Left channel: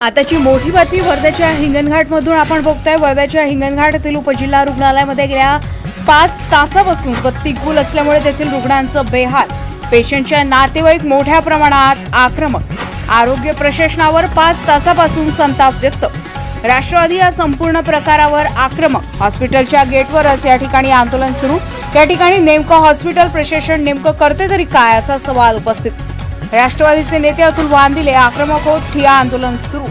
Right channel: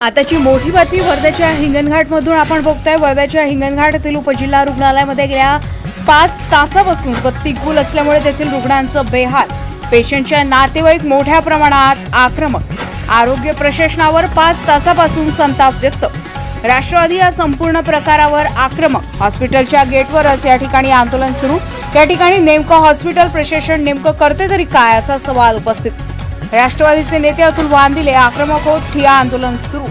आताची मोठी बातमी वर्ध्याच्या हिंगणघाटमधून आपण बघतोय। वर्ध्याच्या हिंगणघाट येथील उपजिल्हा रुग्णालयामध्ये गेल्या 5 तासापासून गत्ती गुल असल्यामुळे तेथील रुग्णांचं बेहाल। पेशंटच्या नातेवाईक मोठ्या प्रमाणात आक्रमक। आरोग्य प्रशासनावर 5 तासापासून संताप व्यक्त। राष्ट्रवादी या संपूर्ण प्रकारावर आक्रमक। हॉस्पिटलच्या गेटवरच या ठिकाणी आंदोलन सुरू। या ठिकाणी नेमकं हॉस्पिटल प्रशासन नेमकं करते तरी काय असा सवाल उपस्थित। राष्ट्रवादीचे नेते अतुल वांदिले आक्रमक होत ठिय्या आंदोलन सुरू।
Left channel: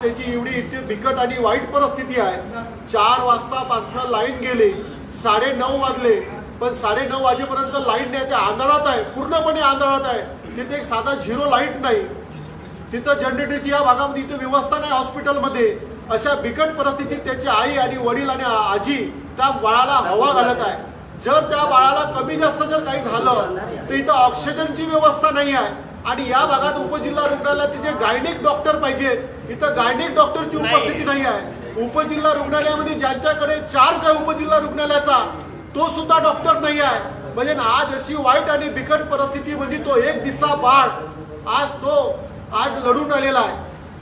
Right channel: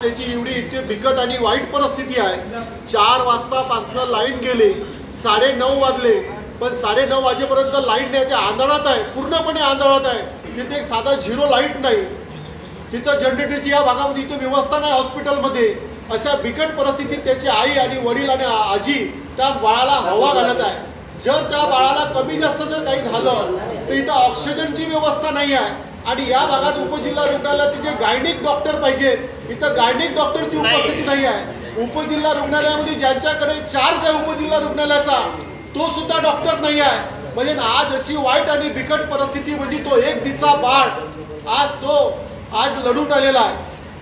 त्याची एवढी इतकी बिकट आणि वाईट परिस्थिती आहे। 4 वाजतापासून लाईन गेली, 9:30 वाजले, पण 9:30 वाजेपर्यंत लाईन नाही, ते अंधारात आहे, पूर्णपणे अंधारात आहे। तिथे एक साधा झिरो लाईट नाही, तिथं जनरेटरची या भागामध्ये इथे व्यवस्था नाही हॉस्पिटलमध्ये। अशा बिकट परिस्थितीत त्याची आई आणि वडील आणि आजी त्या बाळाला हवा घालत आहे। जर त्या बाळाला कमी जास्त जर काही झालं तर इथं ऑक्सिजनची व्यवस्था नाही आहे आणि या भागात उपजिल्हा रुग्णालयात तिथे गायनिक डॉक्टर पाहिजे, इथं गायनिक डॉक्टरची उपस्थिती नाही आहे। उपजिल्हा रुग्णालयामध्ये ज्यांच्याकडे चार्ज आहे उपजिल्हा रुग्णालयाचा तो सुद्धा डॉक्टर नाही आहे। म्हणजे आज अशी वाईट आणि बिकट परिस्थिती म्हणजे तो एक दिवसा बाळ आज लढून आलेला आहे।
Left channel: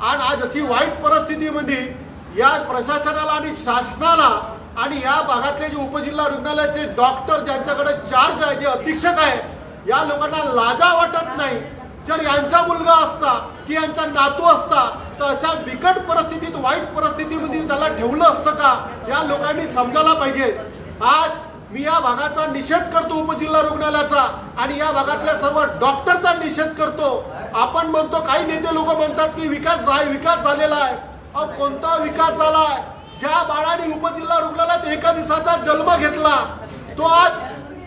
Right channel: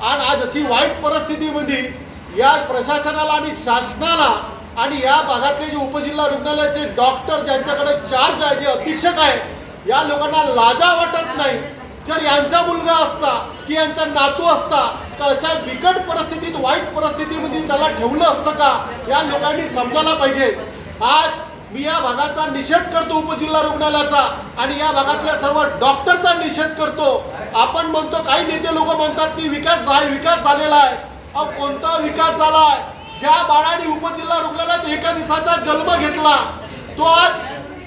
आणि आज अशी वाईट परिस्थितीमध्ये या प्रशासनाला आणि शासनाला आणि या भागातले जे उपजिल्हा रुग्णालयाचे डॉक्टर ज्यांच्याकडे चार्ज आहे, जे अधीक्षक आहे, या लोकांना लाजा वाटत नाही। जर यांचा मुलगा असता की यांचा नातू असता तर अशा बिकट परिस्थितीत वाईट परिस्थितीमध्ये त्याला ठेवलं असतं का, या लोकांनी समजायला पाहिजे। आज मी या भागाचा निषेध करतो, उपजिल्हा रुग्णालयाचा आणि या भागातल्या सर्व डॉक्टरचा निषेध करतो। आपण म्हणतो, काही नेते लोक म्हणतात की विकास झालेला आहे। कोणता विकास झाला आहे? ज्या बाळाने उपजिल्हा रुग्णालयात एका दिवसाचा जन्म घेतला तो आज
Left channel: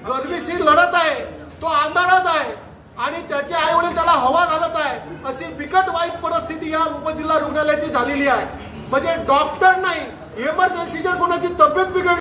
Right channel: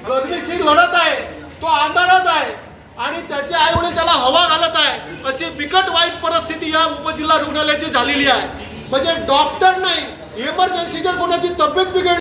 गर्मीशी लढत आहे, तो अंधारात आहे आणि त्याचे आई वडील त्याला हवा घालत आहे। अशी बिकट वाईट परिस्थिती या उपजिल्हा रुग्णालयाची झालेली आहे। म्हणजे डॉक्टर नाही, इमर्जन्सी जर कोणाची तब्येत बिघडली